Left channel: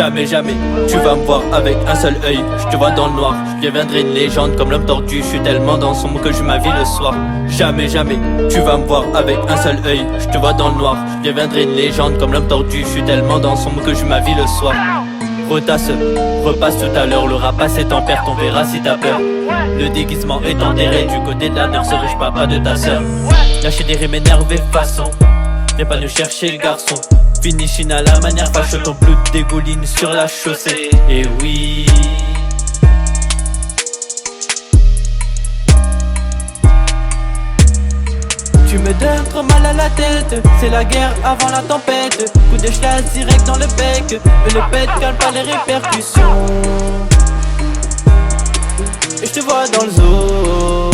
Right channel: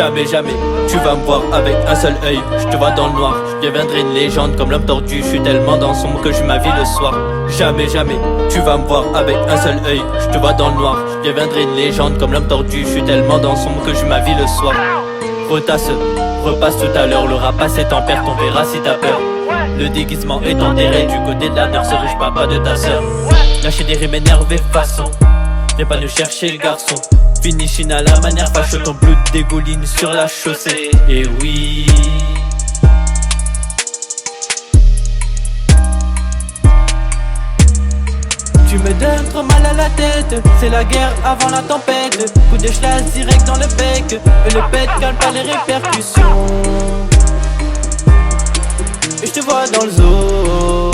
Jamais, jamais, tu vas me voir avec un seul œil. Je te vois dans le noir, je deviendrai une légende comme l'homme tordu. Je suis tellement dans son monde que je ma vie le soir. Jamais, jamais, tu vas me voir avec un seul œil. Je te vois dans le noir, je deviendrai une légende comme l'homme tordu. Je suis tellement dans son monde que je ma vie le soir. Retasse, repasse tout à l'heure. Le rapace est en perte, on verra si t'as peur. Le déguisement est enterré du côté de la nurse, riche papa de ta sœur. Lâcher des rimes énervées façon, viens pas nous chercher le garçon. Finish à la manière fâche, ton blood dégouline sur la chaussée. Et oui, tu me donnes trop mal à la tête, c'est la guerre avant la tempête. Coup de chlasse direct dans le bec, le pet calme pas les répercussions. Et je te vois dans le zoo.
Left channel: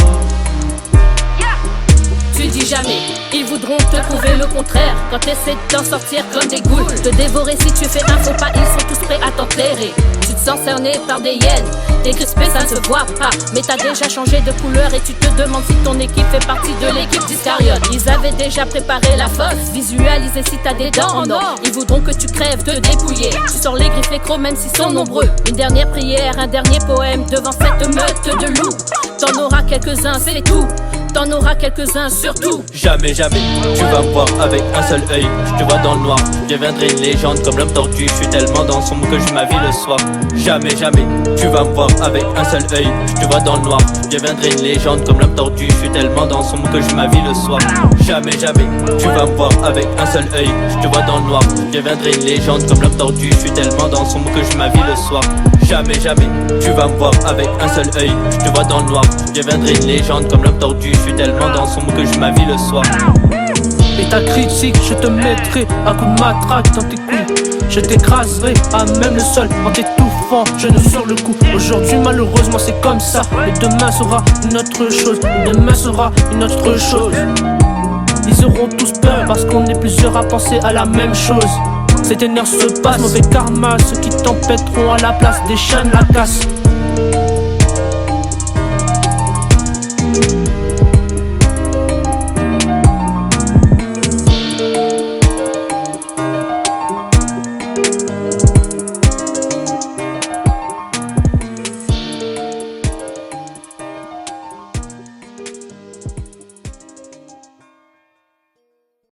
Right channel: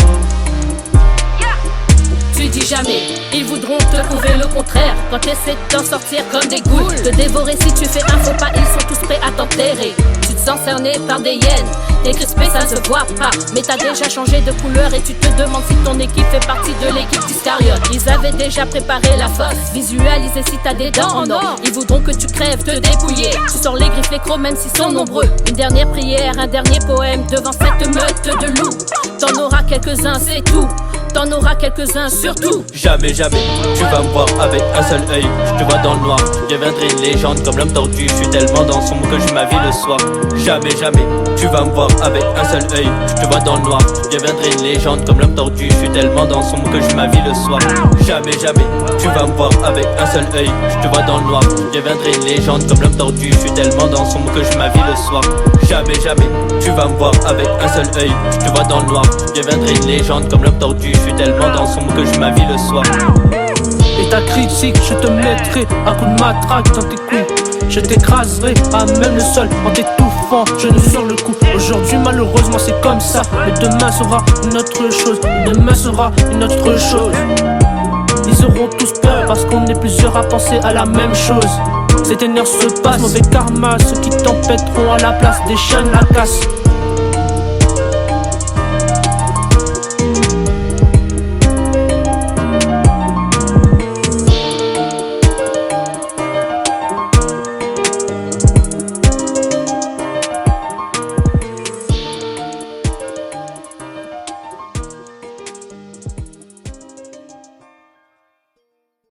Tu dis jamais, ils voudront te prouver le contraire. Quand t'essaies d'en sortir comme des ghouls, te dévorer si tu fais un faux pas, ils sont tous prêts à t'enterrer. Tu te sens cerné par des hyènes, t'es crispé, ça ne se voit pas. Mais t'as déjà changé de couleur et tu te demandes si ton équipe fait partie de l'équipe d'Iscariote. Ils avaient déjà préparé la fosse, visualisé si t'as des dents en or. Ils voudront que tu crèves, te dépouiller. Tu sors les griffes, les crocs, même s'ils sont nombreux. Une dernière prière, un dernier poème devant cette meute de loups. T'en auras quelques-uns, c'est tout. T'en auras quelques-uns surtout. Jamais, jamais, tu vas me voir avec un seul œil. Je te vois dans le noir, je deviendrai une légende comme l'homme tordu. Je suis tellement dans son monde que je ma vie le soir. Jamais, jamais, tu vas me voir avec un seul œil. Je te vois dans le noir, je deviendrai une légende comme l'homme tordu. Je suis tellement dans son monde que je ma vie le soir. Jamais, jamais, tu vas me voir avec un seul œil. Je te vois dans le noir, je deviendrai une légende comme l'homme tordu. Je suis tellement dans son monde que je ma vie le soir. Jamais, jamais, tu vas me voir avec un seul œil. Je te vois dans le noir, je deviendrai une légende comme l'homme tordu. Je suis tellement dans son monde que je ma vie le soir. Et ta critique, je te mettrai un coup de matraque dans tes couilles. Je t'écraserai à même le sol en t'étouffant, genou sur le cou. Aujourd'hui malheureusement c'est comme ça, mais demain sera une autre chose. Demain sera une autre chose. Ils auront tous peur parce qu'on est plusieurs à penser à la même chose. Cette énergie se passe, mauvais karma, ceux qui tempêteront à la place des chaînes la casse.